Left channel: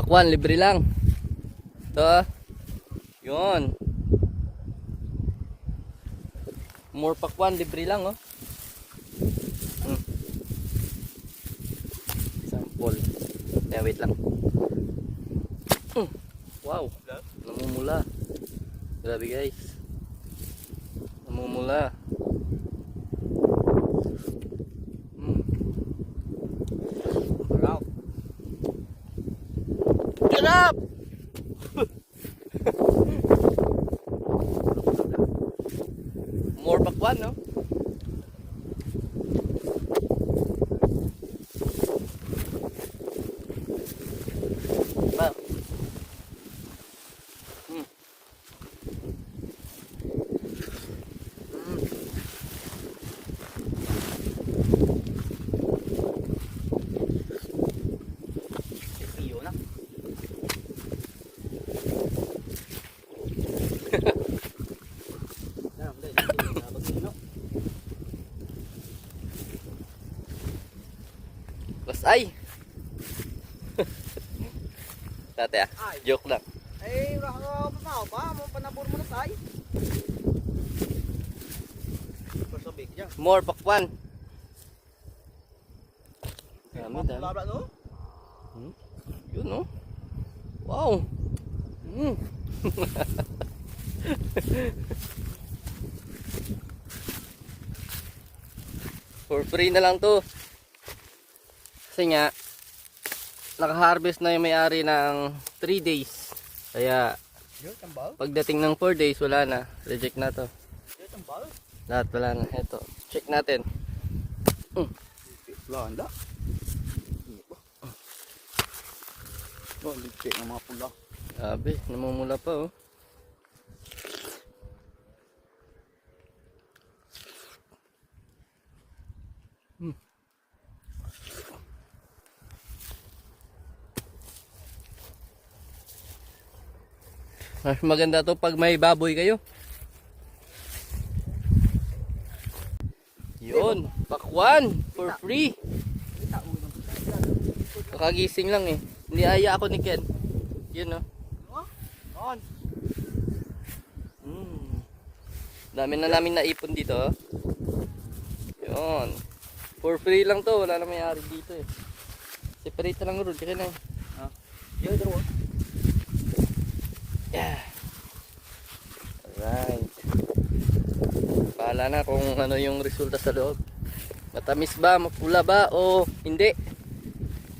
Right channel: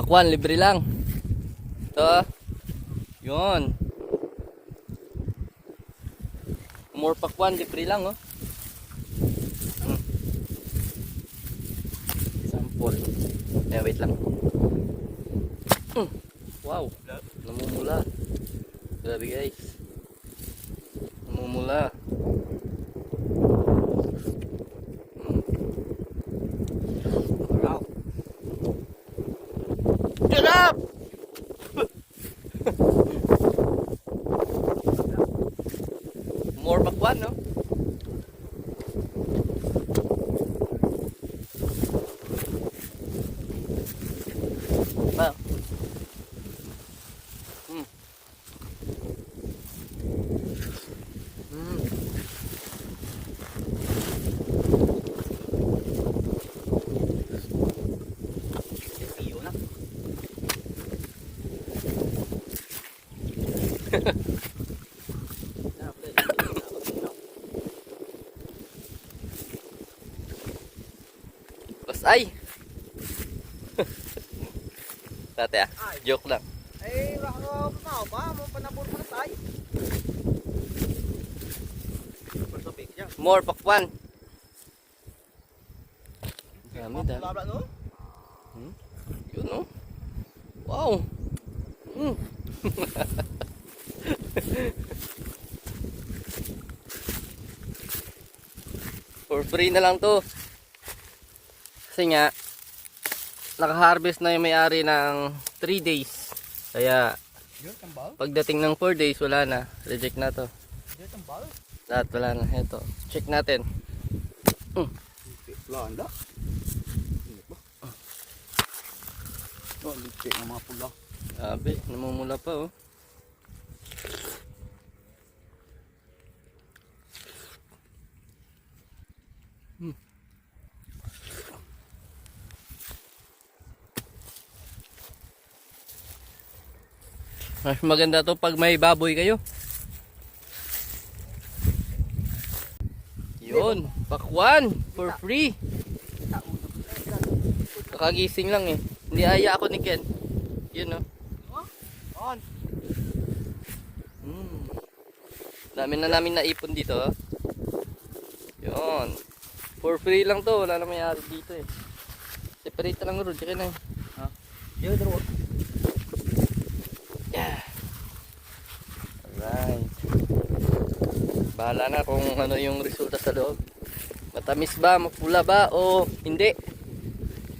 Pakwan, libre lang. Ito. ah. Yun. More pakwan, libre lang, oh. Hmm. Sample. Eh, wait lang. Hmm. Wow. Namumula. Grabe, guys. Namumula. Hmm. Wow. Get up! More bakwan, no? Bas ay! Tate ah, Ay. joke lang. Eh, baka pa ba? Mo panabor mo na tayo. More pakwan. Dami, dami. Blabla no? Yun, no? Wow! Mm. For free na lang to. Kasi nga, naka-harvest na yung may-ari ng 3 days. Kaya, pagdating ng 4 days, wala na. Reject na to. Lahat wala na. Ito. Check natin. Wala, anda. Ano ba? No, licik ng mga pula. Sabi, namumula pa oh. Hmm. Mas maganda to pag may baboy kayo. Yun, pakwan for free. Kakagising lang eh. Hindi aya ako ni Ken. Yun oh. On. Hmm. Dami na namin naipon dito. Oh. Yun. For free lang to. Wala na may-ari dito eh. Separate lang ron. Tsaka na eh. Diyo, dalawa. Yeah. Alright. Bahala na kung ano yung resulta sa loob. Matamis ba, mapula ba o hindi.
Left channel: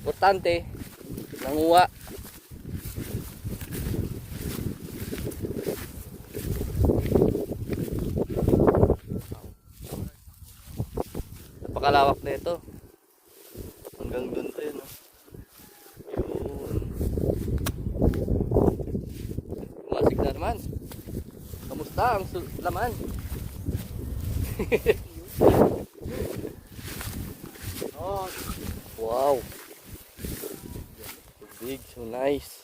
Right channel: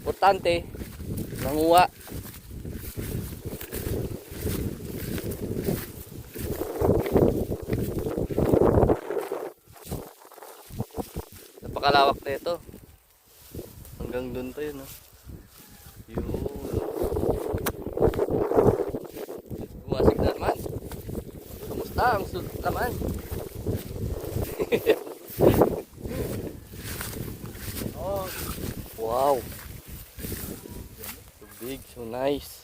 Importante, nanguha. Napakalawak na ito. Hanggang doon to yun. Oh. Yun. Bumasig na naman. Kamusta ang laman? Oh, Wow. Big, so nice.